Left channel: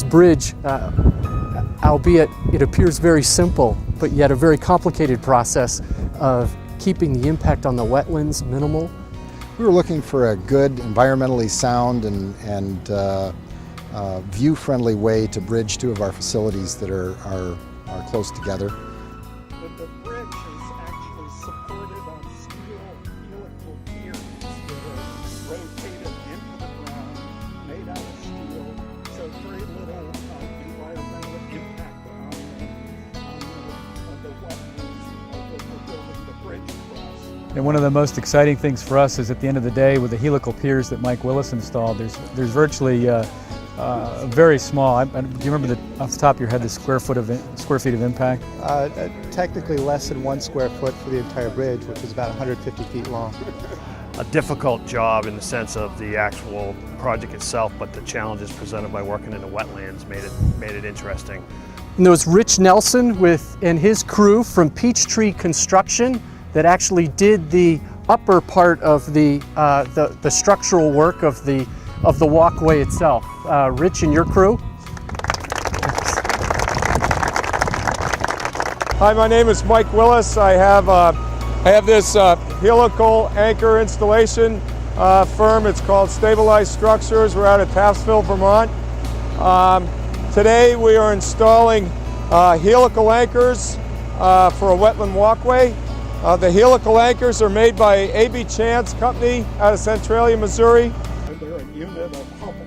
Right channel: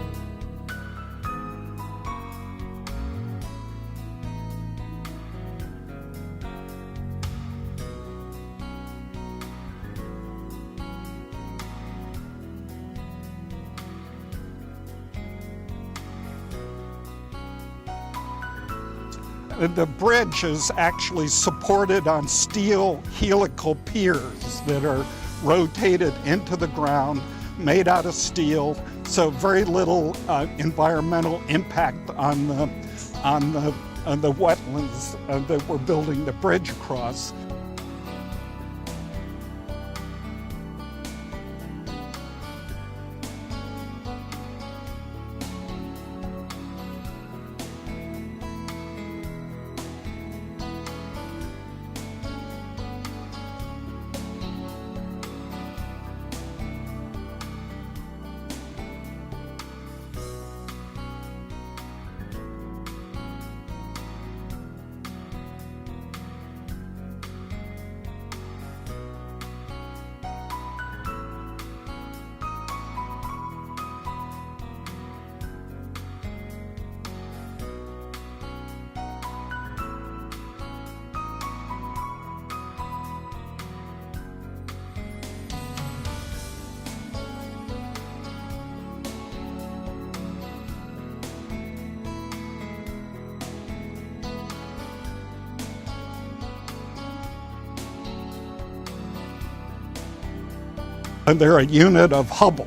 this bridge, albeit it appears very simple, but yet a very complicated process of keeping the impact on the wetlands minimal. We were looking for a good, environmentally sound and view-friendly way to bridge two of our facilities that are close together. The bridge is actually supported on steel helical piers that are rotated into the ground, made out of steel, so very little environmental impact on the wetlands that we're building the bridge across. And one of the most exciting things for us is at the end of the day, with the helical piers that Mike Willis installed, there's virtually very small. Do you remember off the top of your head the square feet of impact? Technically less than 1 square foot for the entire bridge, which is about 150 feet long. A difficult job in the sense of the actual project itself, but the challenges presented by working in the wetlands made it interesting. And there was Rich Nelson and his crew from Peachtree Construction that actually did the upper part of the structural work of the walkway itself. Rich and your crew. Hi, my name is Mike Willis. I have this helical anchor installation firm. It's called Stabilized Structures. We're out of Taftsville, Vermont. Today we are installing helical anchors for a wetland walkway. The helical anchors are made by A.B. Chance Company out of Centralia, Missouri. And they're a unit of Hubble.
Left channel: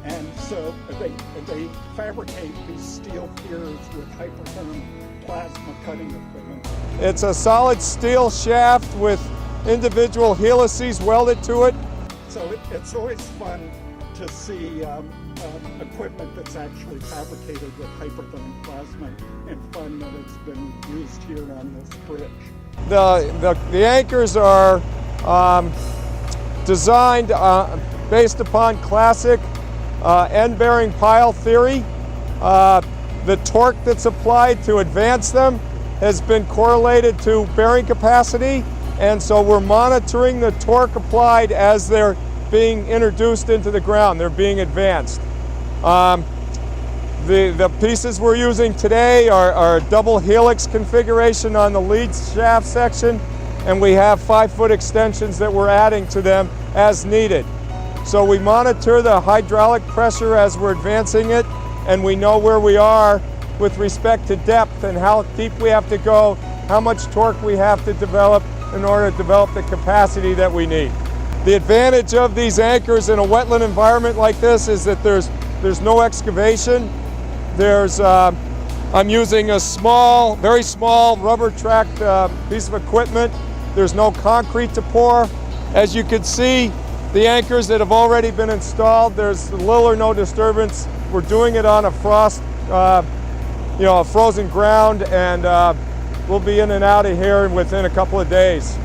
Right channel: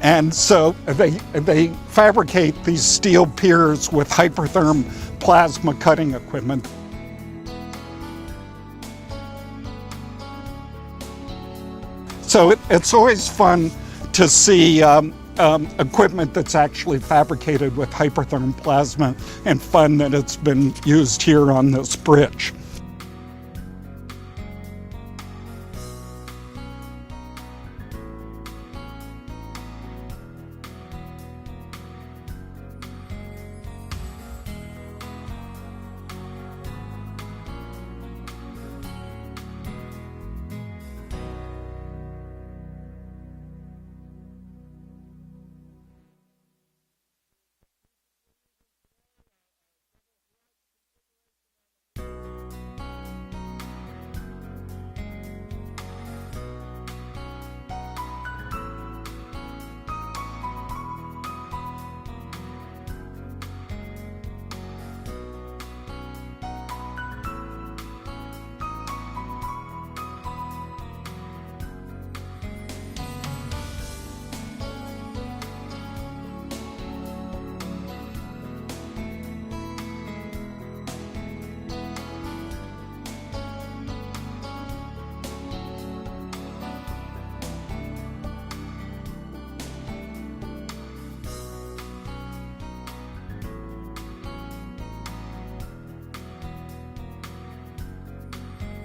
And so they fabricate these steel piers with Hypertherm plasma cutting equipment. It's a solid steel shaft with individual helices welded to it. So it's always fun to see equipment that's actually fabricated with Hypertherm plasma, and fun that it's been used here on this bridge. The anchors are designed based upon classic end-bearing pile theory. The torque that's applied to advance them has been correlated to bearing capacity, and so we're monitoring the torque applied as they're being introduced into the ground. They're being advanced. The pieces we're using today are a double helix configuration on the lead shaft section, and we have 5-foot extensions that we're adding to them as needed. So we monitor the hydraulic pressure as we're advancing it, and we know where we are with respect to depth and how deep we have to go, how much torque we have to develop in order to develop the capacity that we need. The advantage of these anchors in a wetland environment like this is that there's no excavation. I'm using a small, very small rubber-tracked piece of equipment. There's no concrete to pour. As you can see, the anchors that have already been installed, there's little or no disturbance. We're doing it on a frozen ground, and we'll be in and out of here within a couple of days.